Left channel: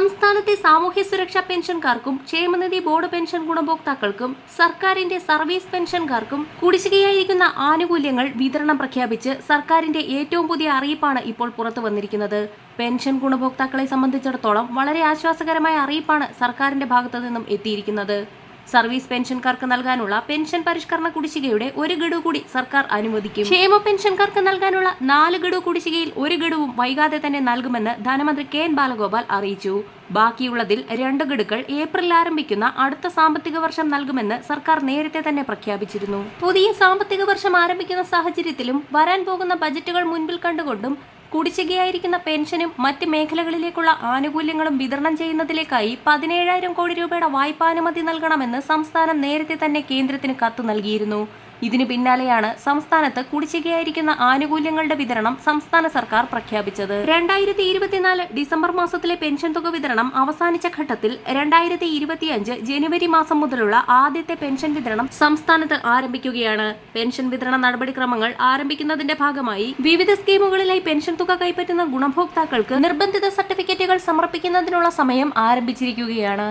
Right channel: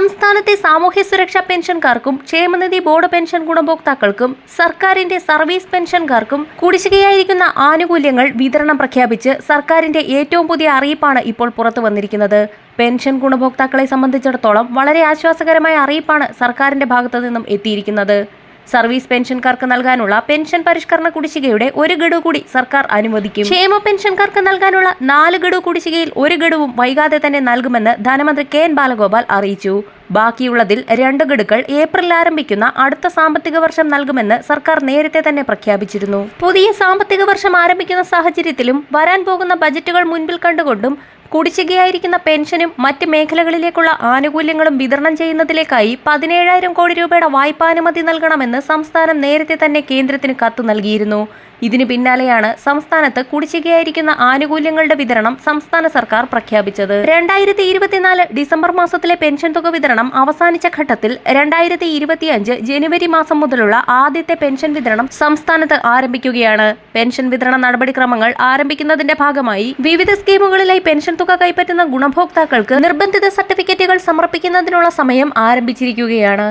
സംസ്ഥാനത്തെ സാമൂഹ്യ സുരക്ഷാ പെൻഷൻകാർക്കും ക്ഷേമനിധി ബോർഡ് പെൻഷൻ ഗുണഭോക്താക്കൾക്കും സർക്കാരിന്റെ സർവീസ് പെൻഷൻകാർക്കും കുടിശ്ശികയായിരിക്കുന്ന ആനുകൂല്യങ്ങൾ വിതരണം പ്രഖ്യാപിച്ച് സർക്കാരിന്റെ ഏറ്റവും പുതിയ അറിയിപ്പാണ് ഇപ്പോൾ പുറത്തു വന്നിരിക്കുന്നത്. പെൻഷൻ ഗുണഭോക്താക്കളെ സംബന്ധിച്ചിടത്തോളം വളരെ ആശ്വാസകരമായ അറിയിപ്പാണ് സർക്കാരിന്റെ ഭാഗത്തു നിന്നും എത്തിയിരിക്കുന്നത്. സർവീസ് പെൻഷൻകാർക്ക് നൽകാനുള്ള പെൻഷൻ പരിഷ്കരണ കുടിശ്ശികയുടെ ഒരു ഗഡു കൂടി സർക്കാർ അനുവദിക്കും. ക്ഷേമ പെൻഷൻകാർക്ക് നൽകാനുള്ള നാല് ഗഡു കുടിശ്ശികയിൽ ഒരു ഗഡുവും വൈകാതെ തന്നെ നൽകുമെന്ന് ധനമന്ത്രി കെ എൻ ബാലഗോപാൽ അറിയിച്ചു. ബാക്കിയുള്ളതിൽ രണ്ട് ഗഡുക്കൾ ഏപ്രിൽ ആരംഭിക്കുന്ന അടുത്ത സാമ്പത്തിക വർഷം നൽകുമെന്ന് സർക്കാർ നേരത്തെ തന്നെ പ്രഖ്യാപിച്ചിരുന്നു. പുതിയ സാമ്പത്തിക വർഷം ആരംഭിക്കുന്ന സാഹചര്യത്തിലും വരാൻ പോകുന്ന ബജറ്റുകൾ മുൻപിൽ കണ്ടുകൊണ്ടും കുടിശ്ശികയായിരിക്കുന്ന പെൻഷനും മറ്റ് മേഖലകളിലേക്കുള്ള ആനുകൂല്യങ്ങളും വിതരണം ചെയ്യുന്നതിലേക്കായി പതിനേഴായിരം കോടി രൂപയുടെ വായ്പാനുമതി നൽകണമെന്ന് സംസ്ഥാനം നേരത്തെ തന്നെ കേന്ദ്രത്തിന് കത്ത് നൽകിയിരുന്നു. ഇതിന് പിന്നാലെയാണ് സംസ്ഥാനത്ത് കുടിശ്ശികയായിരിക്കുന്ന ആനുകൂല്യങ്ങളുടെ വിതരണം സംസ്ഥാന സർക്കാർ പ്രഖ്യാപിച്ചത്. രണ്ടായിരത്തി ഇരുപത്തിനാല് ഡിസംബർ മാസത്തിലെ പെൻഷൻ തുക വിതരണം അവസാനിച്ച ഘട്ടത്തിൽ രണ്ടായിരത്തി ഇരുപത്തിയഞ്ച് ജനുവരി മാസം മുതലുള്ള ആദ്യത്തെ പെൻഷൻ വിതരണം സംസ്ഥാനത്ത് ആരംഭിക്കുകയാണ്. പെൻഷൻ വിതരണ നടപടിക്രമങ്ങൾ ആരംഭിക്കുന്നതിന്റെ ഭാഗമായി വിവിധ സ്കീമുകളിലായി പെൻഷൻ തുക കൈപ്പറ്റുന്ന ഗുണഭോക്താക്കൾക്ക് നിർബന്ധിത സർട്ടിഫിക്കറ്റുകൾ സമർപ്പിക്കുന്നതിനുള്ള സമയം ആരംഭിച്ചിരിക്കുകയാണ്.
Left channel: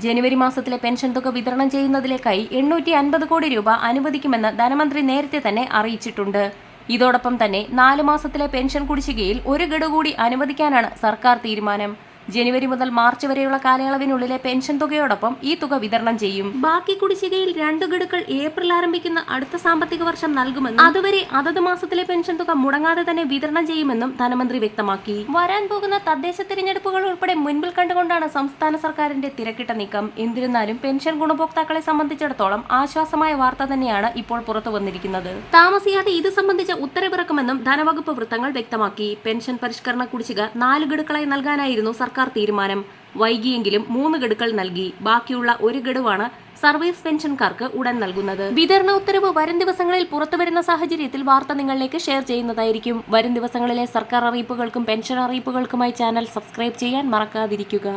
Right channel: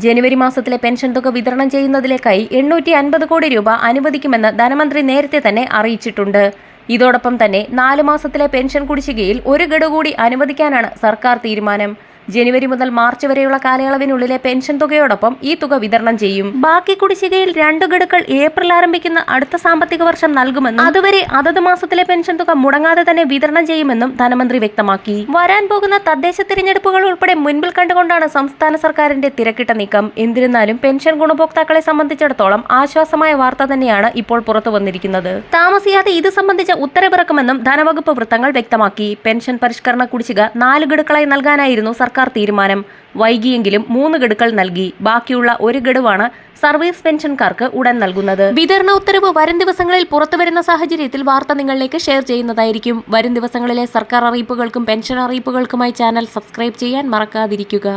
ജനുവരി മാസത്തിലെ പെൻഷൻ തുക വിതരണം ചെയ്യുന്നതിലേക്കായി എണ്ണൂറ്റി അൻപത് കോടി രൂപ അനുവദിക്കുമെന്ന് ധനമന്ത്രി നേരത്തെ തന്നെ അറിയിച്ചിട്ടുണ്ട്. ഇതോടൊപ്പം തന്നെ നാല് മാസത്തിലെ പെൻഷൻ കുടിശ്ശികയിൽ ഒരു ഗഡു കൂടി അനുവദിക്കാനാണ് സർക്കാർ തീരുമാനം. ജനുവരി മുതൽ മാർച്ച് വരെയുള്ള കാലയളവിനുള്ളിലെ പെൻഷൻ തുകയോടൊപ്പം ഈ തുക വിതരണം ചെയ്യും. ബാക്കി കുടിശ്ശികയിൽ രണ്ട് ഗഡുക്കൾ ഏപ്രിൽ ആരംഭിക്കുന്ന അടുത്ത സാമ്പത്തിക വർഷം നൽകുമെന്നും അതുവരെ അതത് മാസത്തിലെ പെൻഷൻ തുക മുടങ്ങാതെ തന്നെ വിതരണം ചെയ്യുമെന്നും ധനമന്ത്രി വ്യക്തമാക്കി. വരാൻ പോകുന്ന തദ്ദേശ തിരഞ്ഞെടുപ്പുകൾ ഉൾപ്പെടെ മുൻപിൽ കണ്ടുകൊണ്ടാണ് സംസ്ഥാന സർക്കാരിന്റെ തിരക്കിട്ട നീക്കം. എന്നിരുന്നാലും പെൻഷൻ ഗുണഭോക്താക്കളെ സംബന്ധിച്ചിടത്തോളം ആശ്വാസമായ വാർത്ത തന്നെയാണ് ഇപ്പോൾ പുറത്തു വന്നിരിക്കുന്നത്. താമസിയാതെ ഇത് സംബന്ധിച്ച ഉത്തരവിറക്കുമെന്നും ധനവകുപ്പ് വൃത്തങ്ങൾ വ്യക്തമാക്കി. പെൻഷൻ പരിഷ്കരണ കുടിശ്ശിക നാല് ഗഡുക്കളായി നൽകാനായിരുന്നു സർക്കാർ തീരുമാനം. വൈകിയെങ്കിലും മൂന്ന് ഗഡുക്കൾ നൽകി. ബാക്കിയുള്ള ഒരു ഗഡുവാണ് സർവീസ് പെൻഷൻകാർക്ക് ഉടൻ നൽകുന്നത്. വിതരണ ഉത്തരവ് വരും ദിവസങ്ങളിൽ പുറത്തുവരുന്ന സാഹചര്യത്തിൽ വാർത്ത നിങ്ങളിലേക്ക് ഷെയർ ചെയ്യുന്നതായിരിക്കും. വരും ദിവസങ്ങളിലെ സർക്കാർ അറിയിപ്പുകൾക്കും പെൻഷൻ അറിയിപ്പുകൾക്കുമായി ചാനൽ സബ്സ്ക്രൈബ് ചെയ്യാൻ മറക്കാതിരിക്കുക.